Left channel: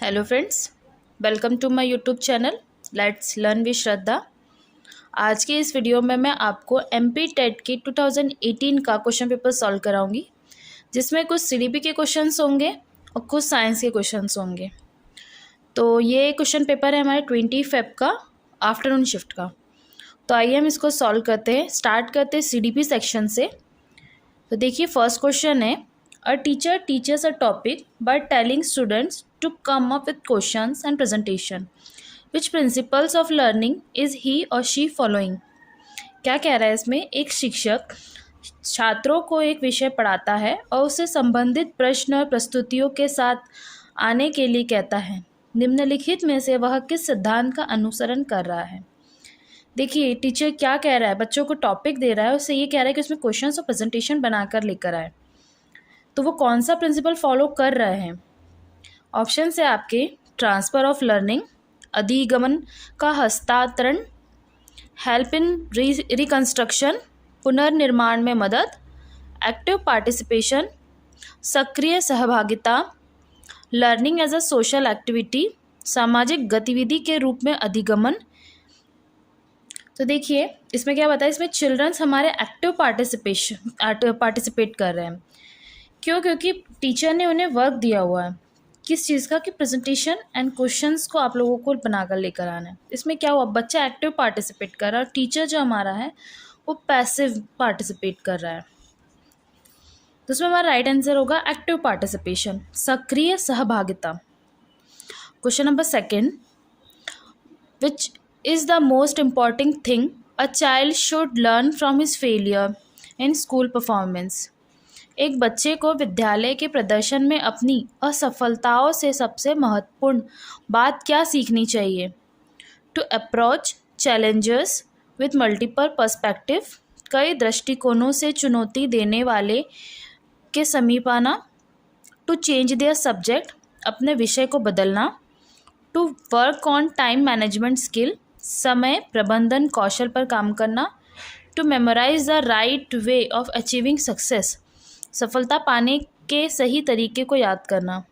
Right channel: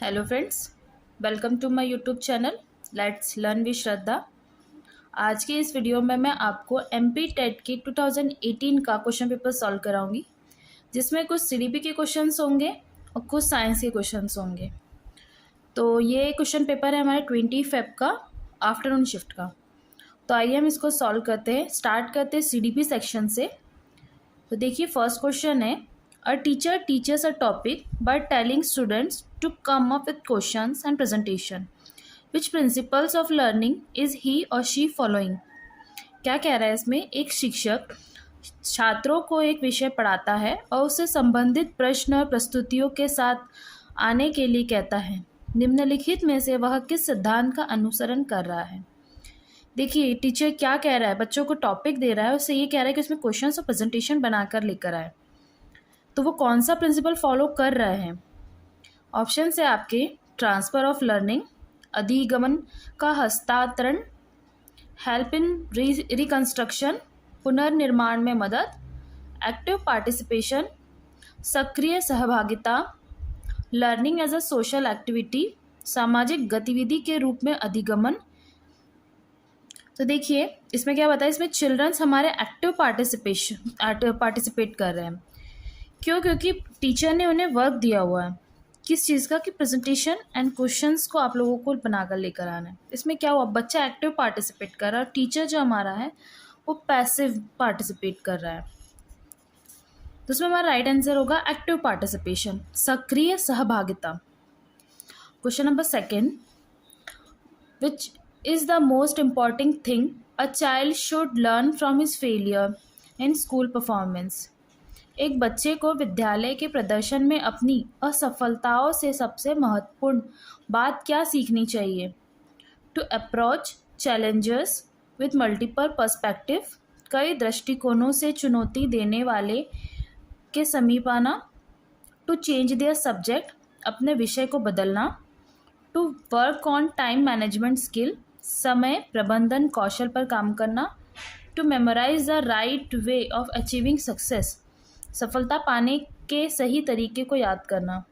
Hello friends, welcome to my YouTube channel let's learn with Shraddha. आज के इस video में मैं आपको एमपी टेट की 2018 का क्वेश्चन पेपर सॉल्व कराऊंगी, जिसमें कुछ सीडीपी के क्वेश्चंस होंगे और कुछ साइंस के क्वेश्चंस होंगे। तो ये क्वेश्चन पेपर है हमारे 20 फेब का आफ्टरनून शिफ्ट का। तो आइए हम इसको सॉल्व करते हैं। स्टार्ट करते हैं सीडीपी सेक्शन से। तो देखिए, फर्स्ट क्वेश्चन है, a teacher teaches a topic by telling students to come up with questions and presentation, which principles of learning is he और शी फॉलोइंग। क्या कह रहा है इसमें? एक शिक्षक छात्रों को एक विषय पढ़ाता है और उससे संबंधित प्रश्न और प्रस्तुतियों के साथ आने के लिए कहता है। निम्नलिखित में से वह किस सिद्धांत का अनुसरण कर रहा है? देखिए, टीचर क्या कह रहा है, बच्चों को टॉपिक दे रहा है, उससे ये कह रहा है कि उसमें क्वेश्चंस और प्रेजेंटेशन बनाकर लेकर आए। तो वो कौन सा प्रिंसिपल फॉलो कर रहे हैं? ऑप्शन है आपके, ट्रांसफ़र ऑफ लर्निंग, अधिगमन का हस्तांतरण, हेल्प इन रिकंस्ट्रक्शन, पुनर्निर्माण में मदद, एक्टिव पार्टिसिपेशन, सक्रिय सहभागिता, learning as a social activity, सामाजिक गतिविधि के रूप में अधिगमन। तो देखिए, इसमें क्या बताया, इसमें चिल्ड्रंस हमारे एक्टिव पार्टिसिपेट कर रहे हैं। क्यों? क्योंकि टीचर ने उन्हें वर्क दिया हुआ है, किस चीज़ का, कि प्रेजेंटेशन एंड क्वेश्चंस को आप लोगों को बनाकर लेकर आना है। इसमें क्या हुआ, बच्चा एक्टिव पार्टिसिपेट कर रहा है और टीचर जो हमारा है वो पैसिव पार्टिसिपेट कर रहा है। तो उसमें हमारा राइट आंसर होगा एक्टिव पार्टिसिपेशन, सक्रिय सहभागिता। Question number second, which is the most important thing a child should learn from his failure in school performance. एक बच्चे को विद्यालय के प्रदर्शन में अपनी असफलताओं से सबसे महत्वपूर्ण बात क्या सीखनी चाहिए? To approach challenges with multiple perspective, कई दृष्टिकोणों से चुनौती देने वाले के समीप आना, टू चेंज देयर सब्जेक्ट, अपने विषय को बदलना, to work on time management skill, समय प्रबंधन कौशल पर काम करना, to memorise the right way of achieving success, सफलता पाने के सही तरीके को याद करना।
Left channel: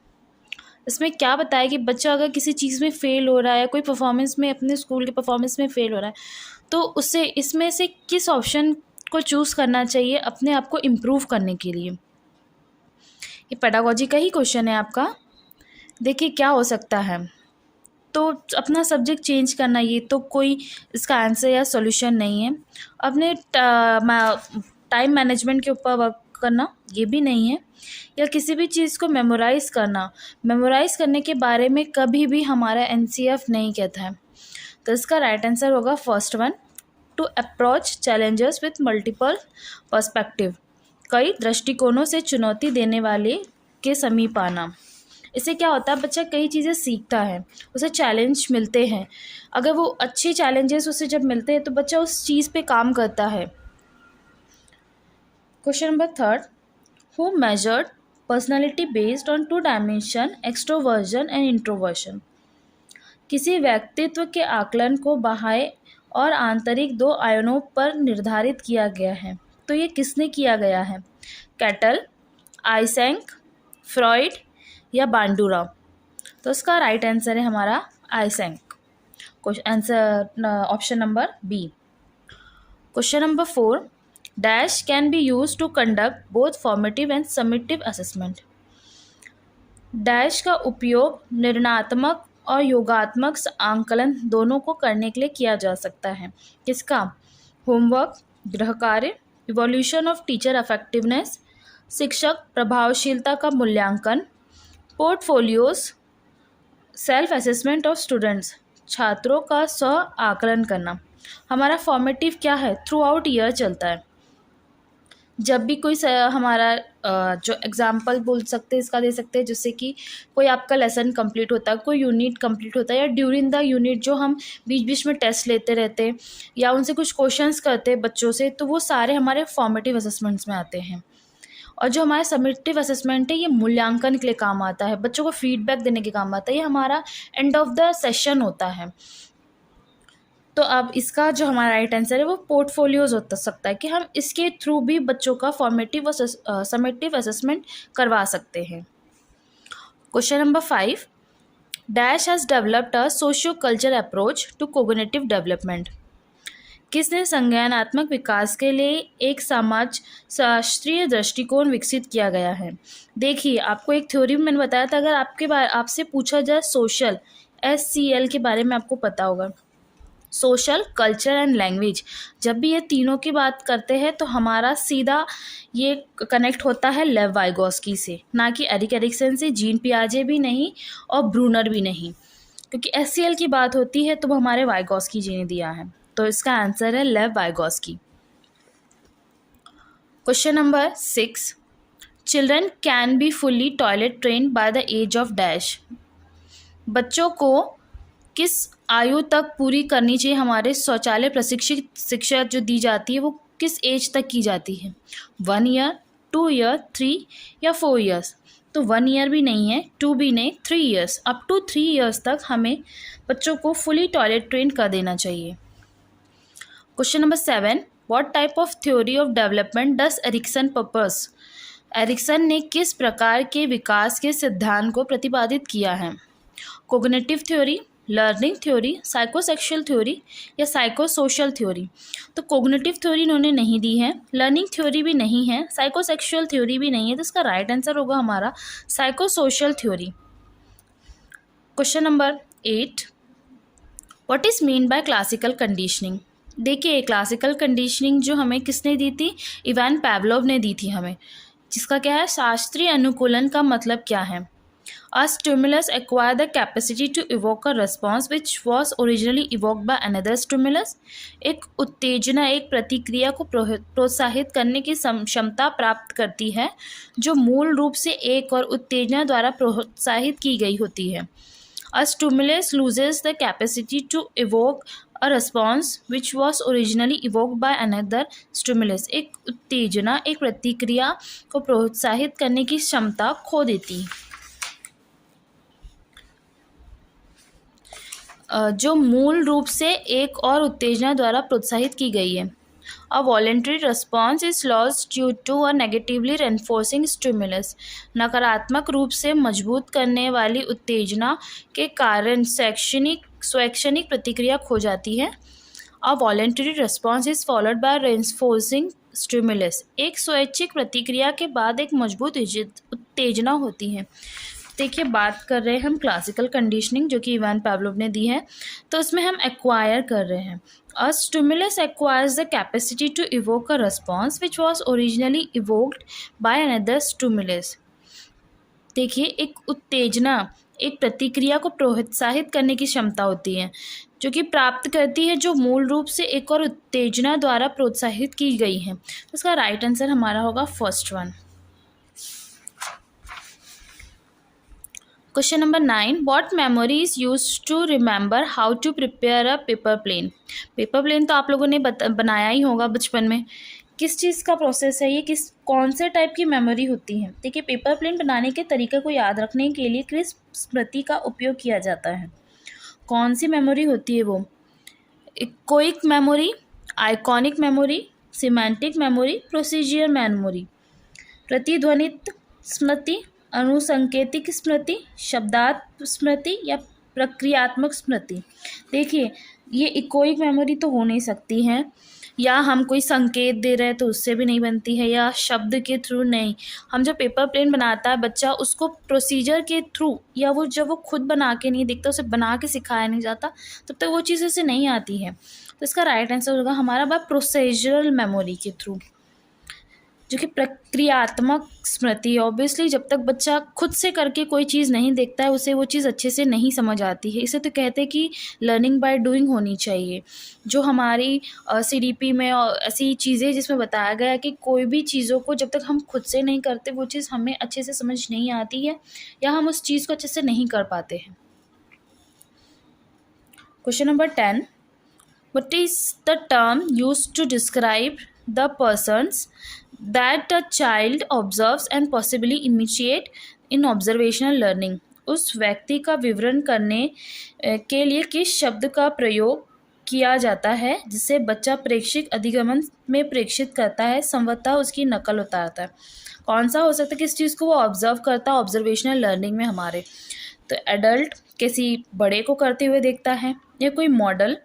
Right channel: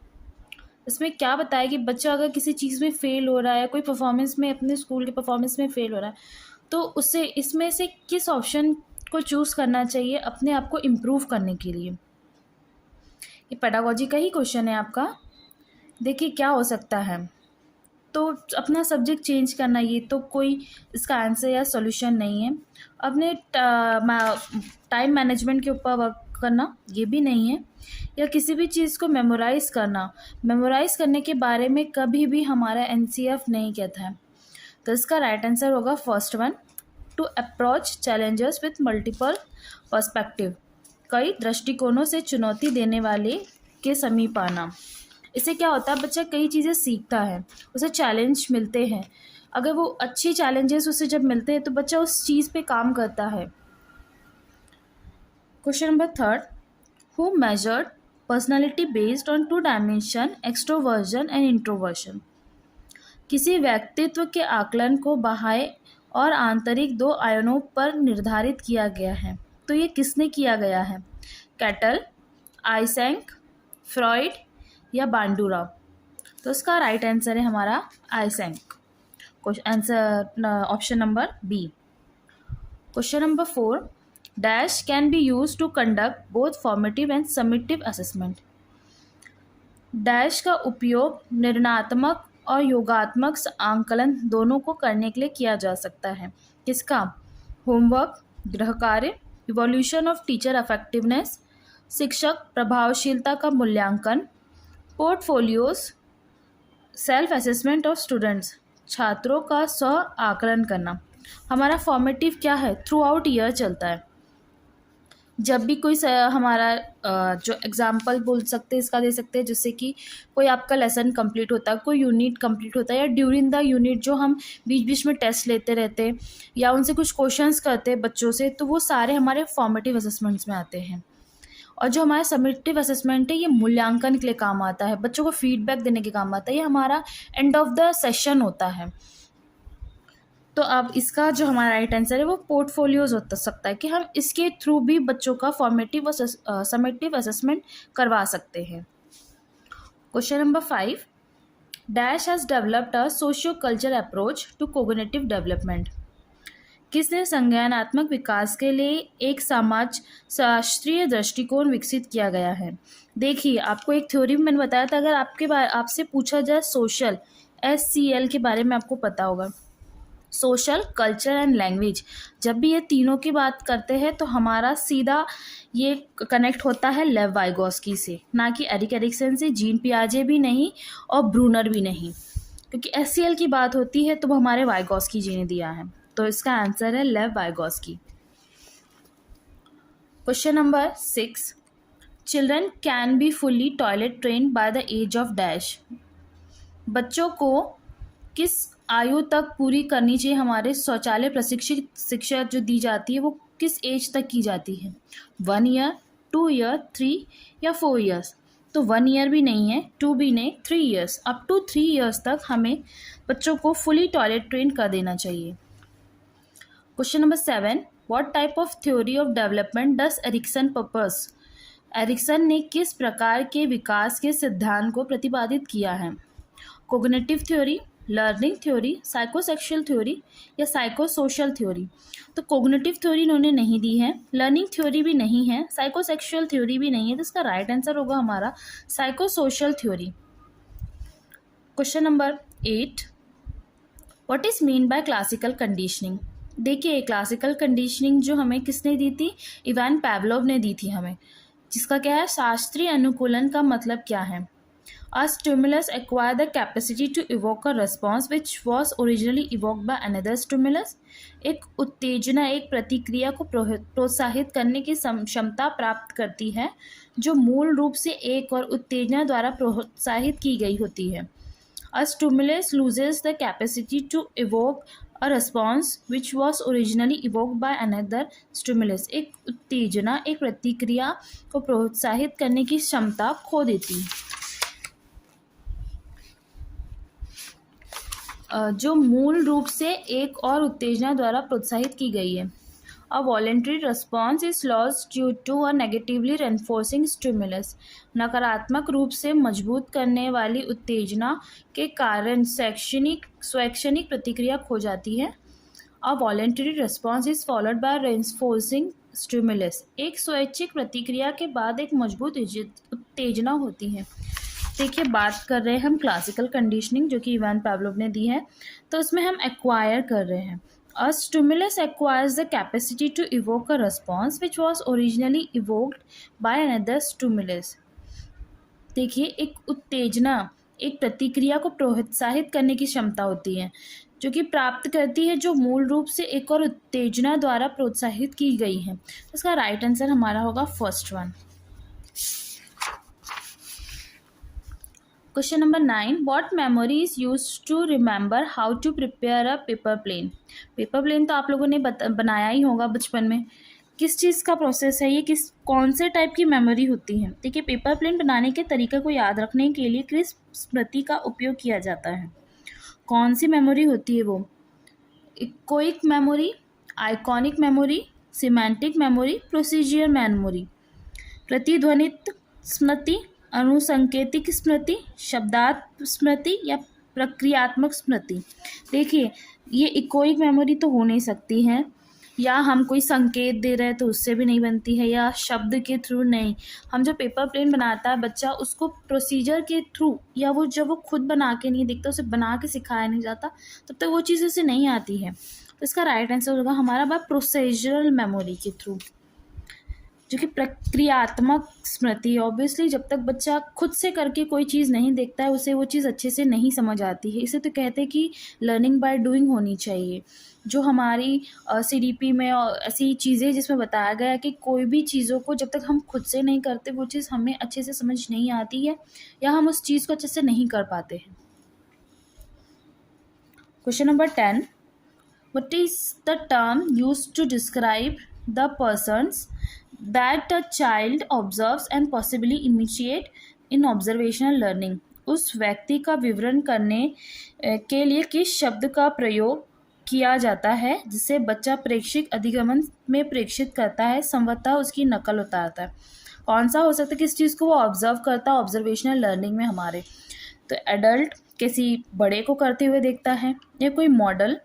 इसमें क्या बताया कि बच्चा अगर किसी चीज़ में फ़ेल हो रहा है या कोई परफॉर्मेंस में, अपने स्कूल के परफॉर्मेंस में फ़ेल हो रहा है, तो उससे इसमें से किस ऑप्शन को चूज़ करना चाहिए अपने आप को इम्प्रूव करने के लिए। ये पेडागोजी का ही क्वेश्चन है आपका। देखिए क्या हो सकता है, तो अपना सब्जेक्ट चेंज करना, ये तो कोई इसका आंसर या सॉल्यूशन नहीं है। अपने टाइम मैनेजमेंट के ऊपर वर्क करना, ये भी नहीं है। या किसी भी चीज़ को मेमोराइज़ करना, मेमोराइज़ करने के बारे में कभी भी हमारा एनसीएफ नहीं कहता है। तो इसका राइट आंसर होगा first one, to approach challenges with multiple perspective, कई दृष्टिकोणों से चुनौती देने वाले के समीप आना। इससे क्या होता है, बच्चा कई चीज़ें सीखता है, उसे चैलेंज मिलते हैं। अगर वो अच्छे चैलेंजेस उसे जब मिलते हैं तो बच्चा उस चीज़ पे काम करता है। Question number third, who measured personality based on 2 dimension, extroversion and introversion. किसी व्यक्तित्व के आकलन को बाह्य और आंतरिक 2 आयामों पर निर्धारित किया गया है। तो ये किसने किया गया है? कैटल, आइसेंक, फ्रॉइड या बांडुरा। तो इसका राइट आंसर है हमारा Eysenck. Answer option number B. Question number 4, dash can be use to conduct both formative and summative assessment. Dash का उपयोग निर्णयात्मक और योगात्मक आंकलन दोनों को करने के लिए किया जा सकता है। किसका? होमवर्क, गृह कार्य, इवोल्यूशन ऑफ टीचर इफेक्टिवनेस, शिक्षक प्रभावशीलता का मूल्यांकन, portfolios, self assessment of students, छात्रों का स्व आकलन करना। हमारा फॉर्मेटिव क्या है, थ्रू आउट ईयर चलता है। जब भी कोई हमारा जो एग्जाम्पल बोल सकते हैं, इसका दे सकते हैं, जिससे कि कोई आपका लेसन कंप्लीट होता है, कोई यूनिट कंप्लीट होता है, या ड्यूरिंग द यूनिट जो हम बीच बीच में टेस्ट लेते रहते हैं या उनसे कुछ क्वेश्चंस करते हैं बच्चों से, तो वो सारे हमारे फॉर्मेटिव असेसमेंट्स में आते हैं। और जो हमारा समेटिव असेसमेंट है, ये मूल्यांकन के लिए काम आता है, बच्चों को फीडबैक देने के काम आता है। ये हमारा एंड ऑफ द सेशन होता है। तो अब इसका जो हमारा राइट आंसर है वो पोर्टफोलियोज हो सकता है, कि हम इसके थ्रू भी बच्चों का फॉर्मेटिव और समेटिव असेसमेंट करवा सकते हैं। Question number 5, dash has developed a socio culture approach to cognitive development. किसने संज्ञानात्मक विकास के लिए एक समाज शास्त्रीय दृष्टिकोण विकसित किया गया है। देखिए, आपको एक थ्योरी में मैंने बताया था, अगर आपसे पूछा जाए सोशल, SCL के बारे में आपको पता होगा। सोशल, कल्चर एंड लैंग्वेज, जब भी ये तीनों की बात करते हैं तो हमारा सीधा ये कनेक्ट होता है लेव वाइगोस्की से, ना कि एरिक एरिक्सन से, जीन पियाजे भी नहीं और ब्रूनर भी नहीं, क्योंकि SCL की बात होती है तो वो हमारे वाइगोस्की जी ने दिया है। तो इसका आंसर है Lev Vygotsky. Question number 6, children can be fully toilet trained by the age of dash. बच्चों को किस आयु तक पूरी करनी चाहिए हमारे शौचालय प्रशिक्षित शिक्षा जो दी जाती है वो किस एज तक की जाती है। 1 ईयर, 2 ईयर, 3 या 4 ईयर्स। तो 1 ईयर भी नहीं है, 2 भी नहीं, 3 ईयर्स, अप टू 3 ईयर्स तक हमें बच्चों को फुली टॉयलेट ट्रेन कर देना चाहिए। Question number 7, what type of theory of development does Erikson propose. Erikson ने किस प्रकार के विकास के सिद्धांत को प्रतिपादित किया है। Cognitive theory, learning theory, psychosexual theory या साइकोसोशल थ्योरी। तो कोग्निटिव थ्योरी इन्होंने नहीं दी है, लर्निंग थ्योरी भी नहीं है, साइकोसेक्सुअल थ्योरी भी नहीं है, तो इसका राइट आंसर होगा हमारा psychosocial theory. Question number 8, what is mean by classical conditioning. देखिए, क्लासिकल कंडीशनिंग जो हमें किसने दी थी, इवान पावलोव ने दी थी हमें, जिसका क्या है, शास्त्रीय अनुकूलन का मतलब क्या है। A stimulus acquire the capacity to evoke a response which was originally evoked by another stimulus। एक उत्तेजना एक प्रतिक्रिया को प्रोत्साहित करने की क्षमता प्राप्त करती है जो मूल रूप से एक और उत्तेजना द्वारा प्रोत्साहित की गई होती है। A stimulus loses the capacity to evoke a response which was originally evoked by another stimulus। एक उत्तेजना एक प्रतिक्रिया को प्रोत्साहित करने की क्षमता खो देती है जो मूल रूप से एक और उत्तेजना द्वारा प्रोत्साहित की गई है। A voluntary response is lost due to a negatively reinforcing stimulus. नकारात्मक रूप से मजबूत करने वाली उत्तेजना के कारण स्वैच्छिक प्रतिक्रिया खो जाती है। A voluntary response is followed by reinforcing stimulus. एक स्वैच्छिक प्रतिक्रिया के बाद एक मजबूत उत्तेजना होती है। देखिए, बात कर रहे हैं हम क्लासिकल कंडीशनिंग जो कि इवान पावलोव ने दी है, तो उसमें हम एक्वायर कर रहे हैं। A stimulus acquires the capacity to evoke a response which was originally evoked by another stimulus. देखिए, एक उत्तेजना एक प्रतिक्रिया को प्रोत्साहित करने की क्षमता होती है जो कि प्राप्त करती है जो मूल रूप से एक और उत्तेजना द्वारा प्रोत्साहित की गई है। तो उसका राइट आंसर हमारा होगा first one. Question number 9, what memory is used to remember how to prepare a paper plane. Paper plane तो आप लोगों ने बनाया ही होगा बचपन में। किस चीज़ का प्रोसेस है ये, कौन से टाइप की मेमोरी होती है। देखिए, पेपर प्लेन बनाने के तरीके को याद रखने के लिए किस स्मृति का उपयोग किया जाता है। कौन सी मेमोरी होती है वो, echoic memory, iconic memory, semantic memory, procedure memory, प्रतिध्वनित स्मृति, अनुसंकेतिक स्मृति, शब्दार्थ स्मृति या प्रक्रियात्मक स्मृति। देखिए, ये इकोइक मेमोरी तो हो नहीं सकती है, या हम कोई संकेत दे रहे हैं तो उससे भी नहीं बनती है, या शब्द के थ्रू नहीं। हम जब पेपर प्लेन बनाता है बच्चा, उसको प्रोसीजर के थ्रू या वो जब वो खुद बना के नहीं देखता, उसे बना के सिखाया नहीं जाता, तब तक वो चीज़ उसे नहीं आती है। तो इसका राइट आंसर होगा हमारा बात प्रोसीजरल मेमोरी के थ्रू, जो कि प्रक्रियात्मक स्मृति। ऑब्वियसली जब तक बच्चा खुद से करके कोई चीज़ नहीं देखता है उसे वो चीज़ अच्छे से नहीं समझ आती है। इसे तो कहते हैं कि लर्निंग बाय डूइंग होनी चाहिए। जो हमारी CDP में ऐसी चीज़ें जिसमें बताया गया है कि कोई भी चीज़ों को जब तक हम खुद से नहीं करते वो चीज़ हमें अच्छे से समझ नहीं आती है या हम उस चीज़ को अच्छे से नहीं कर पाते हैं। Question number 10, what is the term used to describe the persons that a child observes and possibly imitate in observational learning। उस व्यक्ति का विवरण करने के लिए किस शब्द का प्रयोग किया जाता है जिसे बच्चा प्रेक्षिक अधिगमन में प्रेक्षित करता है, संभवतः उसकी नकल उतारता है। कौन सा हो सकता है, किस चीज़ को वो ऑब्जर्व करता है ऑब्जर्वेशनल लर्निंग में हमारे। तो एडल्ट किसी बड़े को करते हुए देखता है, या कोई मॉडल,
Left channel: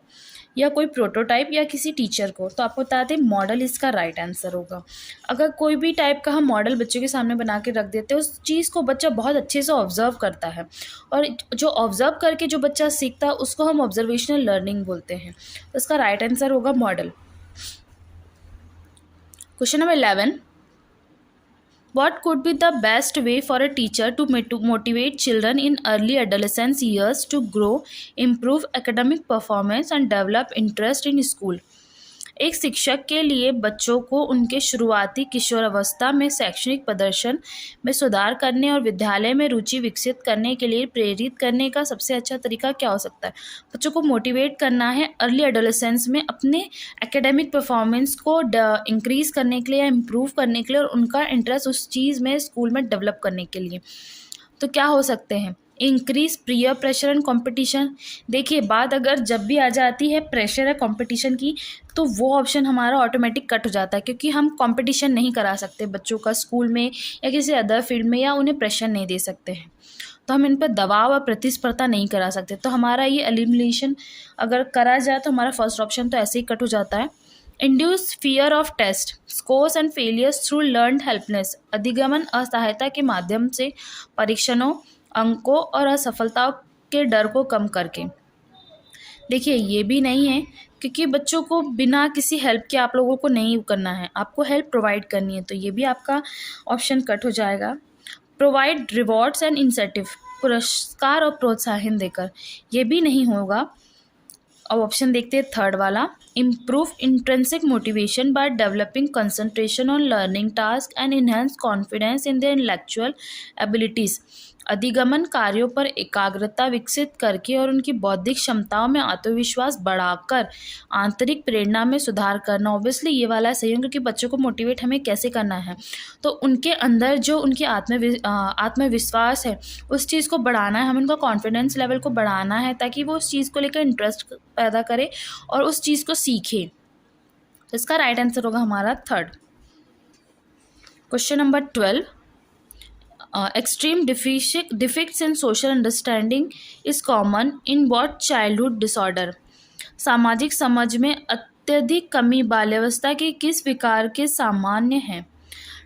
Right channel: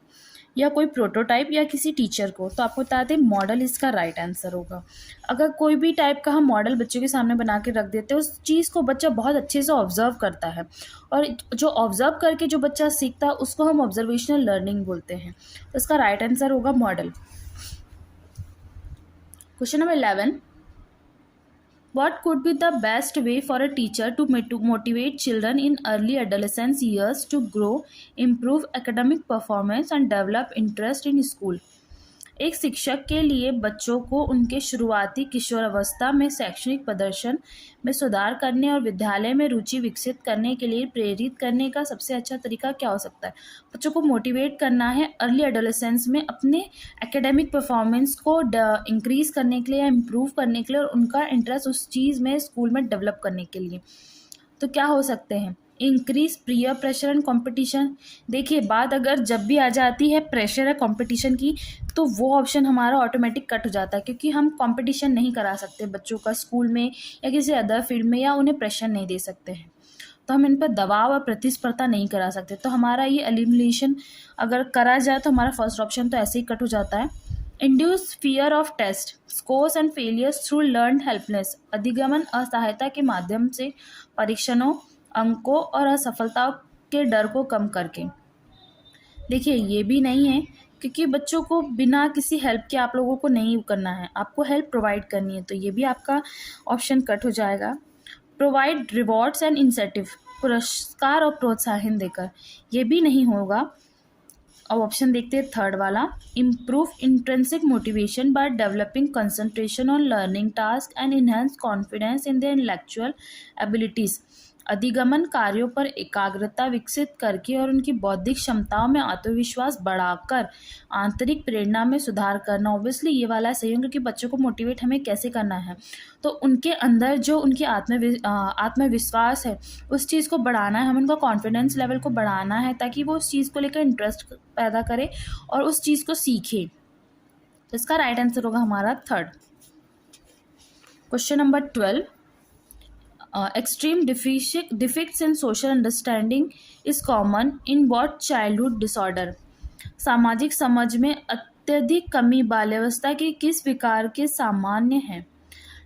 या कोई प्रोटोटाइप, या किसी टीचर को। तो आपको बता दें मॉडल इसका राइट आंसर होगा। अगर कोई भी टाइप का हम मॉडल बच्चों के सामने बना के रख देते हैं, उस चीज़ को बच्चा बहुत अच्छे से ऑब्जर्व करता है, और जो ऑब्जर्व करके जो बच्चा सीखता है उसको हम ऑब्जर्वेशनल लर्निंग बोलते हैं। तो इसका राइट आंसर होगा model. Question number 11, what could be the best way for a teacher to motivate children in early adolescence years to grow, improve academic performance and develop interest in school? एक शिक्षक के लिए बच्चों को उनके शुरुआती किशोरावस्था में शैक्षणिक प्रदर्शन में सुधार करने और विद्यालय में रुचि विकसित करने के लिए प्रेरित करने का सबसे अच्छा तरीका क्या हो सकता है? बच्चों को मोटिवेट करना है अर्ली एडोलेसेंस में अपने एकेडमिक परफॉर्मेंस को इंक्रीज करने के लिए या इम्प्रूव करने के लिए, और उनका इंटरेस्ट उस चीज़ में स्कूल में डेवलप करने के लिए। तो क्या हो सकते हैं? Increase peer pressure and competition. देखिए बात अगर जब भी आ जाती है प्रेशर या कंपटीशन की, तो वो ऑप्शन हमारा ऑटोमेटिक कट हो जाता है, क्योंकि हम कंपटीशन नहीं करा सकते बच्चों का स्कूल में या किसी अदर फील्ड में, या उन्हें प्रेशर नहीं दे सकते हैं, तो हम इन पर दबाव और प्रतिस्पर्धा नहीं करा सकते। तो हमारा ये एलिमिनेशन अगर करा जाए तो हमारा फर्स्ट ऑप्शन तो ऐसे ही कट हो जाता है। Induce fear of test scores and failures through learn helplessness. अधिगमन असहायता के माध्यम से परीक्षणों, अंकों और असफलताओं के डर को कम करके। देखिए ये भी नहीं है, क्योंकि बच्चों को बिना किसी हेल्प के आप लोगों को नहीं करना है, आपको हेल्प प्रोवाइड करनी है, तो ये भी आपका ऑप्शन कट हो जाएगा। प्रोवाइड रिवॉर्ड्स एंड इंसेंटिव, पुरस्कार और प्रोत्साहन देकर, ये भी नहीं होगा। अब ऑप्शन देखते हैं थर्ड वाला, improve intrinsic motivation by developing concentration on learning task and enhance confidence in their intellectual abilities. अधिगमन कार्यों पर एकाग्रता विकसित करके और उनकी बौद्धिक क्षमताओं में आत्मविश्वास बढ़ाकर आंतरिक प्रेरणा में सुधार करना। ऑब्वियसली ये वाला सही है, क्योंकि बच्चों को मोटिवेट हमें कैसे करना है, तो उनके अंदर जो उनकी आत्मविश्वास है उस चीज़ को बढ़ाना है, हमें उनका कॉन्फिडेंस लेवल को बढ़ाना है, ताकि वो उस चीज़ को लेकर इंटरेस्ट पैदा करे और उस चीज़ को सीखे। तो इसका राइट आंसर होगा हमारा third. Question number 12, extreme defects in social understanding is common in what childhood disorder? सामाजिक समझ में अत्यधिक कमी बाल्यावस्था के किस विकार के सामान्य है?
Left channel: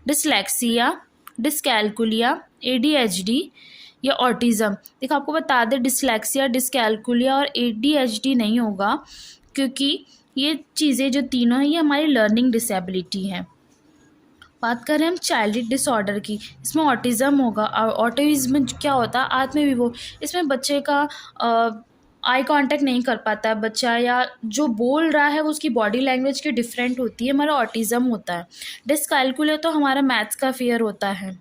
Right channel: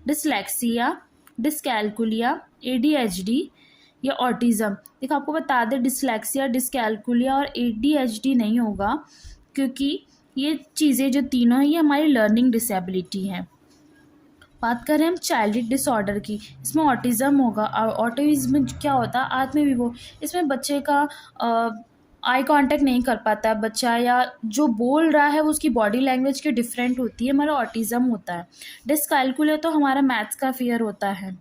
डिसलेक्सिया, डिसकैलकुलिया, ADHD या ऑटिज्म। देखो आपको बता दें डिसलेक्सिया, डिसकैलकुलिया और ADHD नहीं होगा, क्योंकि ये चीज़ें जो तीनों हैं ये हमारी लर्निंग डिसेबिलिटी हैं। बात करें हम चाइल्ड डिसऑर्डर की, इसमें ऑटिज़म होगा। और ऑटिज़म क्या होता है? आत्मविभो। इसमें बच्चे का आई कांटेक्ट नहीं कर पाता है बच्चा, या जो बोल रहा है वो उसकी बॉडी लैंग्वेज की डिफरेंट होती है, हमारा ऑटिज़म होता है। डिसकैलकुलिया तो हमारा मैथ्स का फेयर होता है।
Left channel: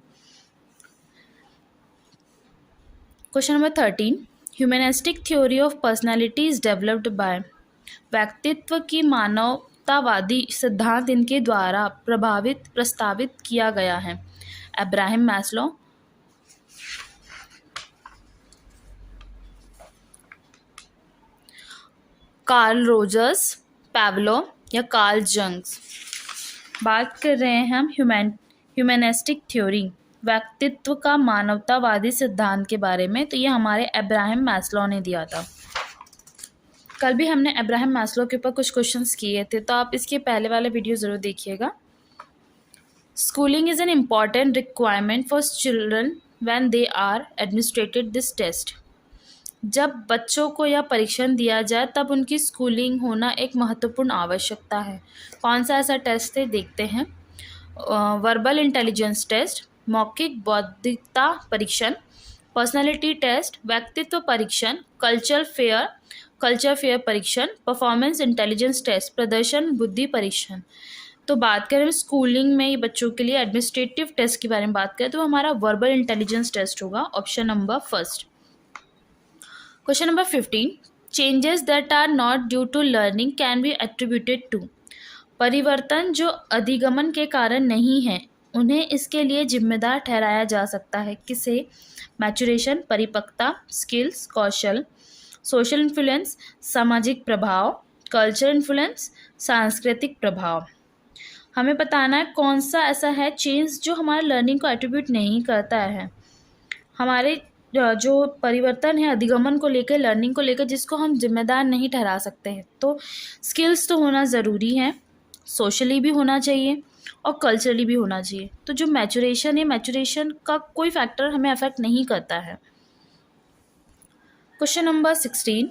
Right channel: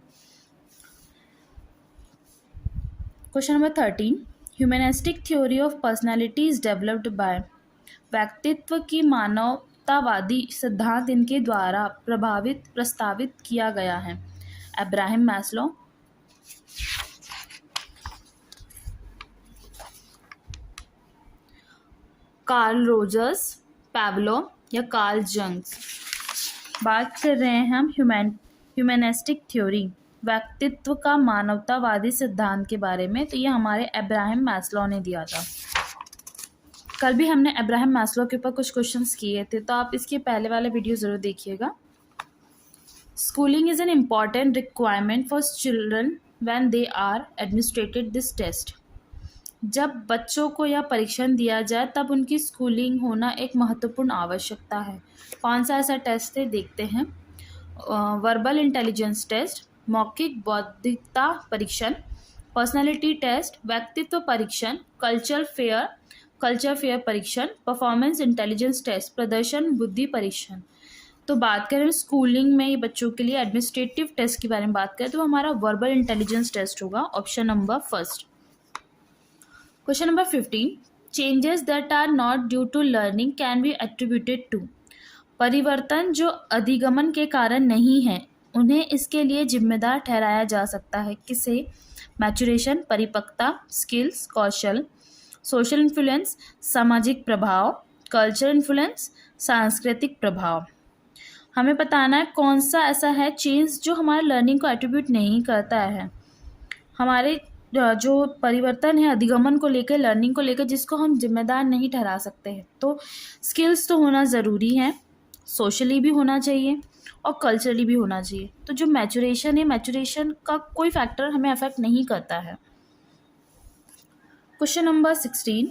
Question number 13, humanistic theory of personality is developed by. व्यक्तित्व की मानवतावादी सिद्धांत इनके द्वारा प्रस्तावित किया गया है। अब्राहम मैस्लो, कार्ल रोजर्स, पैवलो या कार्ल जंग्स। बात कर रहे हैं हम ह्यूमनिस्टिक थ्योरी, व्यक्तित्व का मानवतावादी सिद्धांत के बारे में, तो ये हमारे अब्राहम मैस्लो ने दिया था। कल भी हमने अब्राहम मैस्लो के ऊपर कुछ क्वेश्चंस किए थे, तो आप इसके पहले वाला वीडियो ज़रूर देखिएगा। Schooling is an important requirement for children when they are administered this test. जब बच्चों को यह परीक्षण दिया जाए तब उनकी स्कूलिंग होना एक महत्वपूर्ण आवश्यकता है। कौन सा ऐसा टेस्ट है देखते हैं। वर्बल इंटेलिजेंस टेस्ट, मौखिक बौद्धिकता परीक्षण, पर्सनालिटी टेस्ट, व्यक्तित्व परीक्षण, कल्चर फेयर परीक्षण, परफॉर्मेंस इंटेलिजेंस टेस्ट, प्रदर्शन बुद्धि परीक्षण। तो बात करें स्कूलिंग में बच्चों के लिए एडमिनिस्ट्रेटिव टेस्ट के बारे में बात करें तो हमारा वर्बल इंटेलिजेंस टेस्ट होगा, option number first. Question number 15, changes that are not due to learning can be attributed to. परिवर्तन जो अधिगमन के कारण नहीं है उन्हें इसके लिए जिम्मेदार ठहराया जा सकता है। किसे? मैचुरेशन, परिपक्वता, स्किल्स, कौशल, सोशल इन्फ्लुएंस, सामाजिक प्रभाव, कल्चर इन्फ्लुएंस, सांस्कृतिक प्रभाव। हमें बताना है कौन सा ऐसा है चेंज जो हमारे लर्निंग को एट्रीब्यूट नहीं करता है। हमारे जो परिवर्तन है अधिगमन को लेकर, लर्निंग को लेकर, जिसको हम जिम्मेदार नहीं ठहरा सकते हैं। तो स्किल्स तो होना ज़रूरी है, सोशली भी होना चाहिए और कल्चरली भी होना चाहिए। तो जो मैचुरेशन है, मैचुरेशन का कोई फैक्टर हमें अफेक्ट नहीं करता है। Question number 16,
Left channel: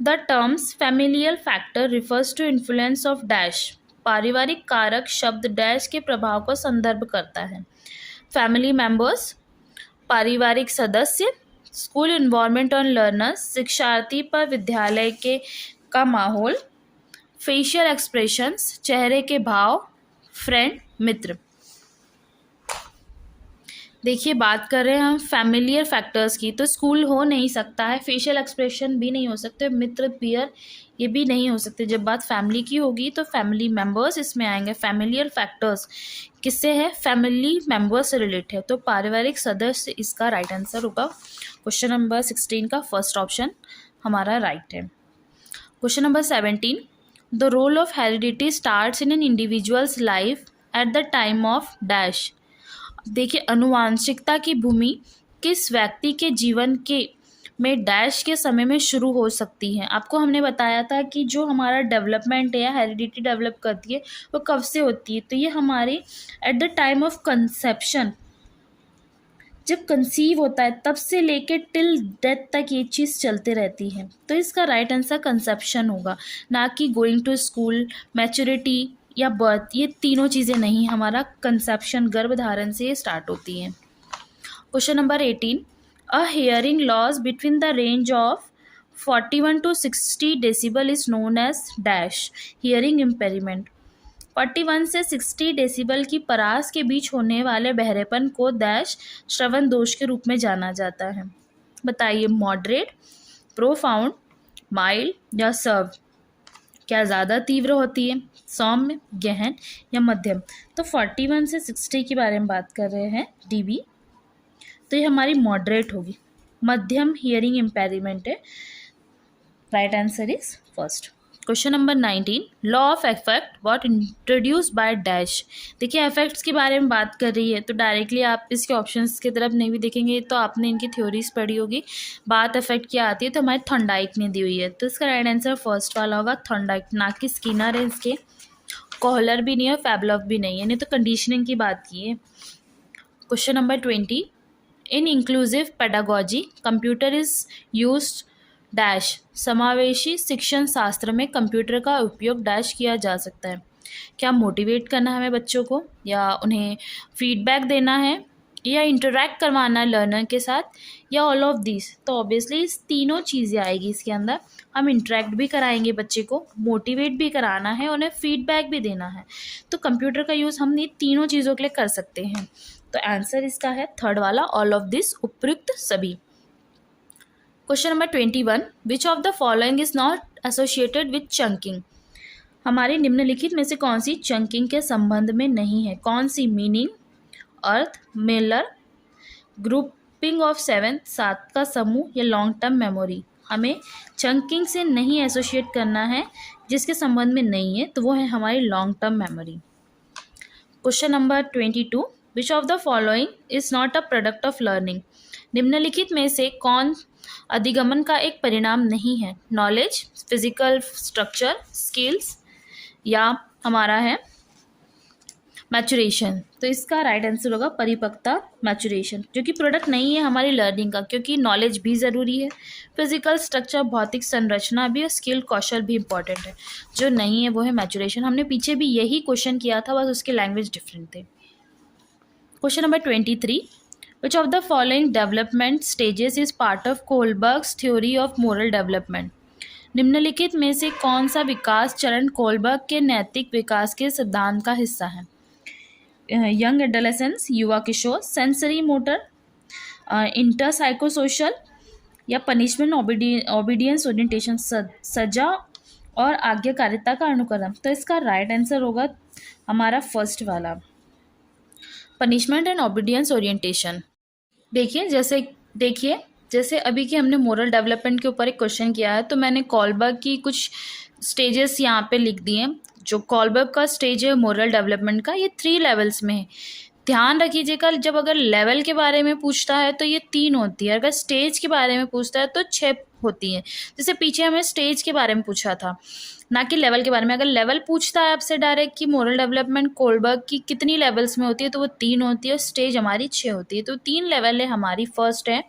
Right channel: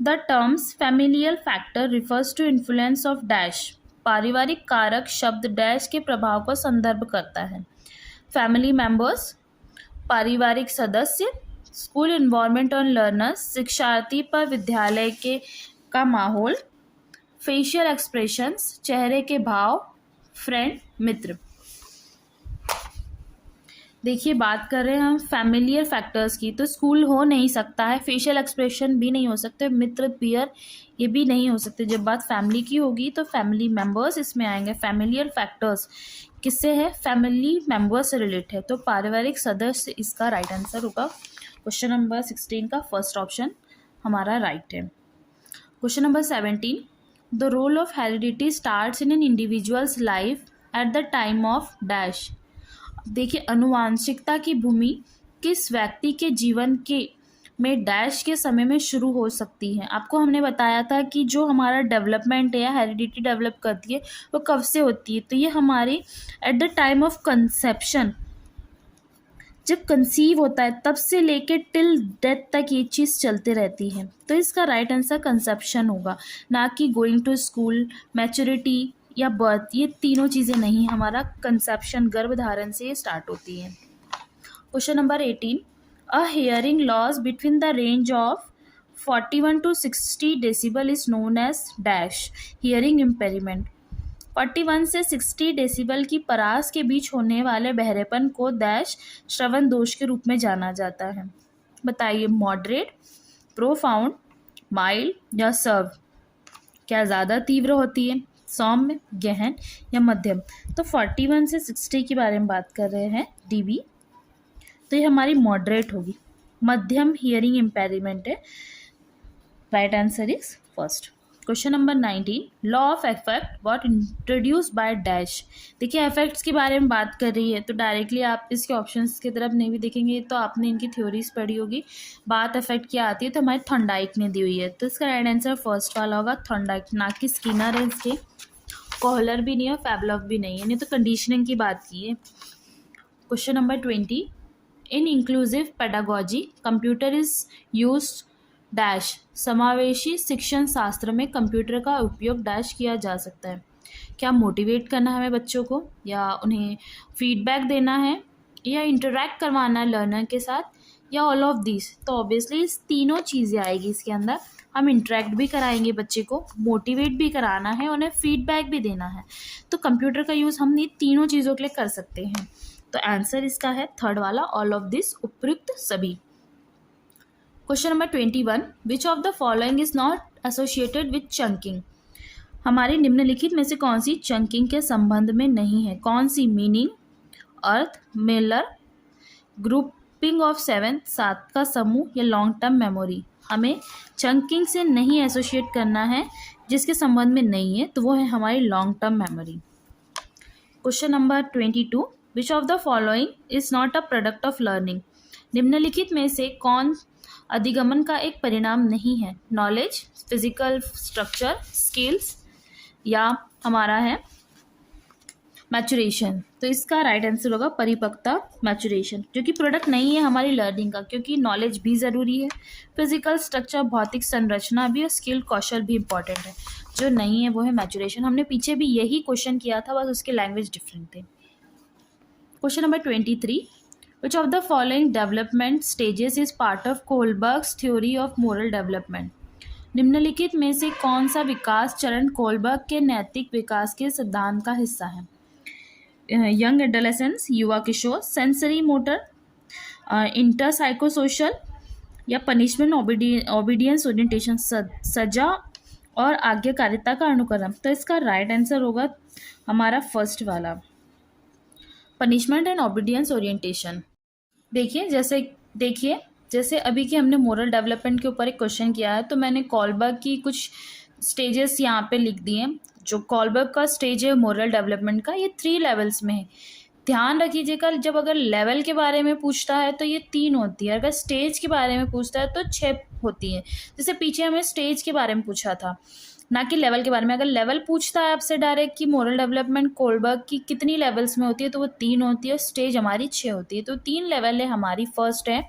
the terms familial factor refers to influence of dash. पारिवारिक कारक शब्द डैश के प्रभाव को संदर्भ करता है। फैमिली मेंबर्स, पारिवारिक सदस्य, स्कूल इन्वायरमेंट ऑन लर्नर्स, शिक्षार्थी पर विद्यालय के का माहौल, फेशियल एक्सप्रेशंस, चेहरे के भाव, फ्रेंड, मित्र। देखिए, बात कर रहे हैं हम फैमिलियर फैक्टर्स की, तो स्कूल हो नहीं सकता है, फेशियल एक्सप्रेशन भी नहीं हो सकते, मित्र पीयर ये भी नहीं हो सकते। जब बात फैमिली की होगी तो फैमिली मेंबर्स इसमें आएंगे। फैमिलियर फैक्टर्स किससे है? फैमिली मेंबर्स से रिलेटेड है, तो पारिवारिक सदस्य इसका राइट आंसर होगा। क्वेश्चन नंबर 16 का फर्स्ट ऑप्शन हमारा राइट है। Question number 17, the role of heredity starts in an individual's life at the time of dash. देखिए, अनुवांशिकता की भूमि किस व्यक्ति के जीवन के में डैश के समय में शुरू हो सकती है। आपको हमने बताया था कि जो हमारा डेवलपमेंट है, हेरिडिटी डेवलप करती है, वो कब से होती है? तो ये हमारी eight the time of conception, जब कंसीव होता है तब से लेके टिल डेथ तक ये चीज़ चलते रहती है। तो इसका राइट आंसर कंसेप्शन होगा, ना कि गोइंग टू स्कूल, मैच्योरिटी या बर्थ। ये तीनों चीज़ें नहीं, हमारा कंसेप्शन गर्भधारण से स्टार्ट होती हैं। Question number 18, a hearing loss between the range of 41 to 60 decibel is known as dash hearing impairment. 41 से 60 डेसिबल की परास के बीच होने वाले बहरेपन को डैश श्रवण दोष के रूप में जाना जाता है। बताइए, मॉडरेट, प्रोफाउंड, माइल्ड या सर्व? क्या ज़्यादा तीव्र होती है? सौम्य, गहन या मध्यम? तो 41 से 60 के बारे में बात कर रहे हैं डीबी, तो ये हमारी मॉडरेट होगी। मध्यम हियरिंग इम्पेयरमेंट है, right answer is first. Question number 19, law of effect what introduce by dash. देखिए, इफेक्ट्स के बारे में बात कर रही है, तो डायरेक्टली आप इसके ऑप्शंस की तरफ नहीं भी देखेंगे तो आपने इनकी थ्योरीज पढ़ी होगी। बात इफेक्ट क्या आती है, तो हमारे थॉर्नडाइक ने दी हुई है, तो इसका राइट आंसर फर्स्ट वाला होगा, थॉर्नडाइक। ना कि स्किनर है इसके, कोहलर भी नहीं है, फैबलॉफ भी नहीं है, नहीं तो कंडीशनिंग की बात की है। Question number 20, in inclusive pedagogy computer is used dash. समावेशी शिक्षण शास्त्र में कंप्यूटर का उपयोग डैश किया जा सकता है। क्या मोटिवेट करना है हमें बच्चों को, या उन्हें फीडबैक देना है, या इंटरेक्ट करवाना है लर्नर के साथ, या ऑल ऑफ दिस? तो ऑब्वियसली इस तीनों चीज़ें आएगी इसके अंदर। हम इंटरेक्ट भी कराएंगे बच्चे को, मोटिवेट भी कराना है, उन्हें फीडबैक भी देना है। तो कंप्यूटर का यूज़ हम ये तीनों चीज़ों के लिए कर सकते हैं। तो आंसर इसका है थर्ड वाला, ऑल ऑफ दिस, उपयुक्त सभी। Question number 21, which of the following is not associated with chunking. हमारे निम्नलिखित में से कौन सी चंकिंग के संबंध में नहीं है? कौन सी? मीनिंग, अर्थ, मिलर, ग्रुपिंग ऑफ 7 सात का समूह, या लॉन्ग टर्म मेमोरी? हमें चंकिंग से नहीं एसोसिएट करना है, जिसके संबंध में नहीं है, तो वो है हमारी long term memory. Question number 22, which of the following is not a product of learning. निम्नलिखित में से कौन अधिगमन का एक परिणाम नहीं है? नॉलेज, फिजिकल स्ट्रक्चर, स्किल्स, या हमारा है मैचुरेशन? तो इसका राइट आंसर होगा परिपक्वता, मैचुरेशन, जो कि प्रोडक्ट नहीं है हमारी लर्निंग का, क्योंकि नॉलेज भी ज़रूरी है, फिजिकल स्ट्रक्चर, भौतिक संरचना भी, और स्किल, कौशल भी इंपॉर्टेंट है। जो नहीं है वो है मैचुरेशन। हमने पीछे भी यही क्वेश्चन किया था, बस उसकी लैंग्वेज डिफरेंट थे। Question number 23, which of the following development stages is part of Kohlberg's theory of moral development? निम्नलिखित में से कौन सा विकास चरण कोलबर्ग के नैतिक विकास के सिद्धांत का हिस्सा है? यंग एडोलेसेंस, युवा किशोर, सेंसरी मोटर, इंटर साइकोसोशल, या पनिशमेंट ओबीडियंस ओरिएंटेशन, सजा और आज्ञाकारिता का अनुक्रम? तो इसका राइट आंसर होगा हमारा फर्स्ट वाला, पनिशमेंट एंड ओबीडियंस ओरिएंटेशन। देखिए जैसे अभी की हमने मोरल डेवलपमेंट के ऊपर एक क्वेश्चन किया है, तो मैंने कोलबर्ग की कुछ स्टेजेस यहाँ पे लिख दिए हैं। जो कोलबर्ग का स्टेज है मोरल डेवलपमेंट का, ये 3 लेवल्स में है। ध्यान रखिएगा, जब अगर लेवल के बारे में पूछता है तो ये 3 होती है, अगर स्टेज के बारे में पूछता है तो 6 होती हैं। जैसे पीछे हमें स्टेज के बारे में पूछा था, ना कि लेवल के बारे में। अगर लेवल पूछता है आपसे डायरेक्ट कि मोरल डेवलपमेंट कोलबर्ग की कितनी लेवल्स में होती है, तो वो 3 होती है, स्टेज हमारी 6 होती है। तो 3 लेवल है हमारी। फर्स्ट है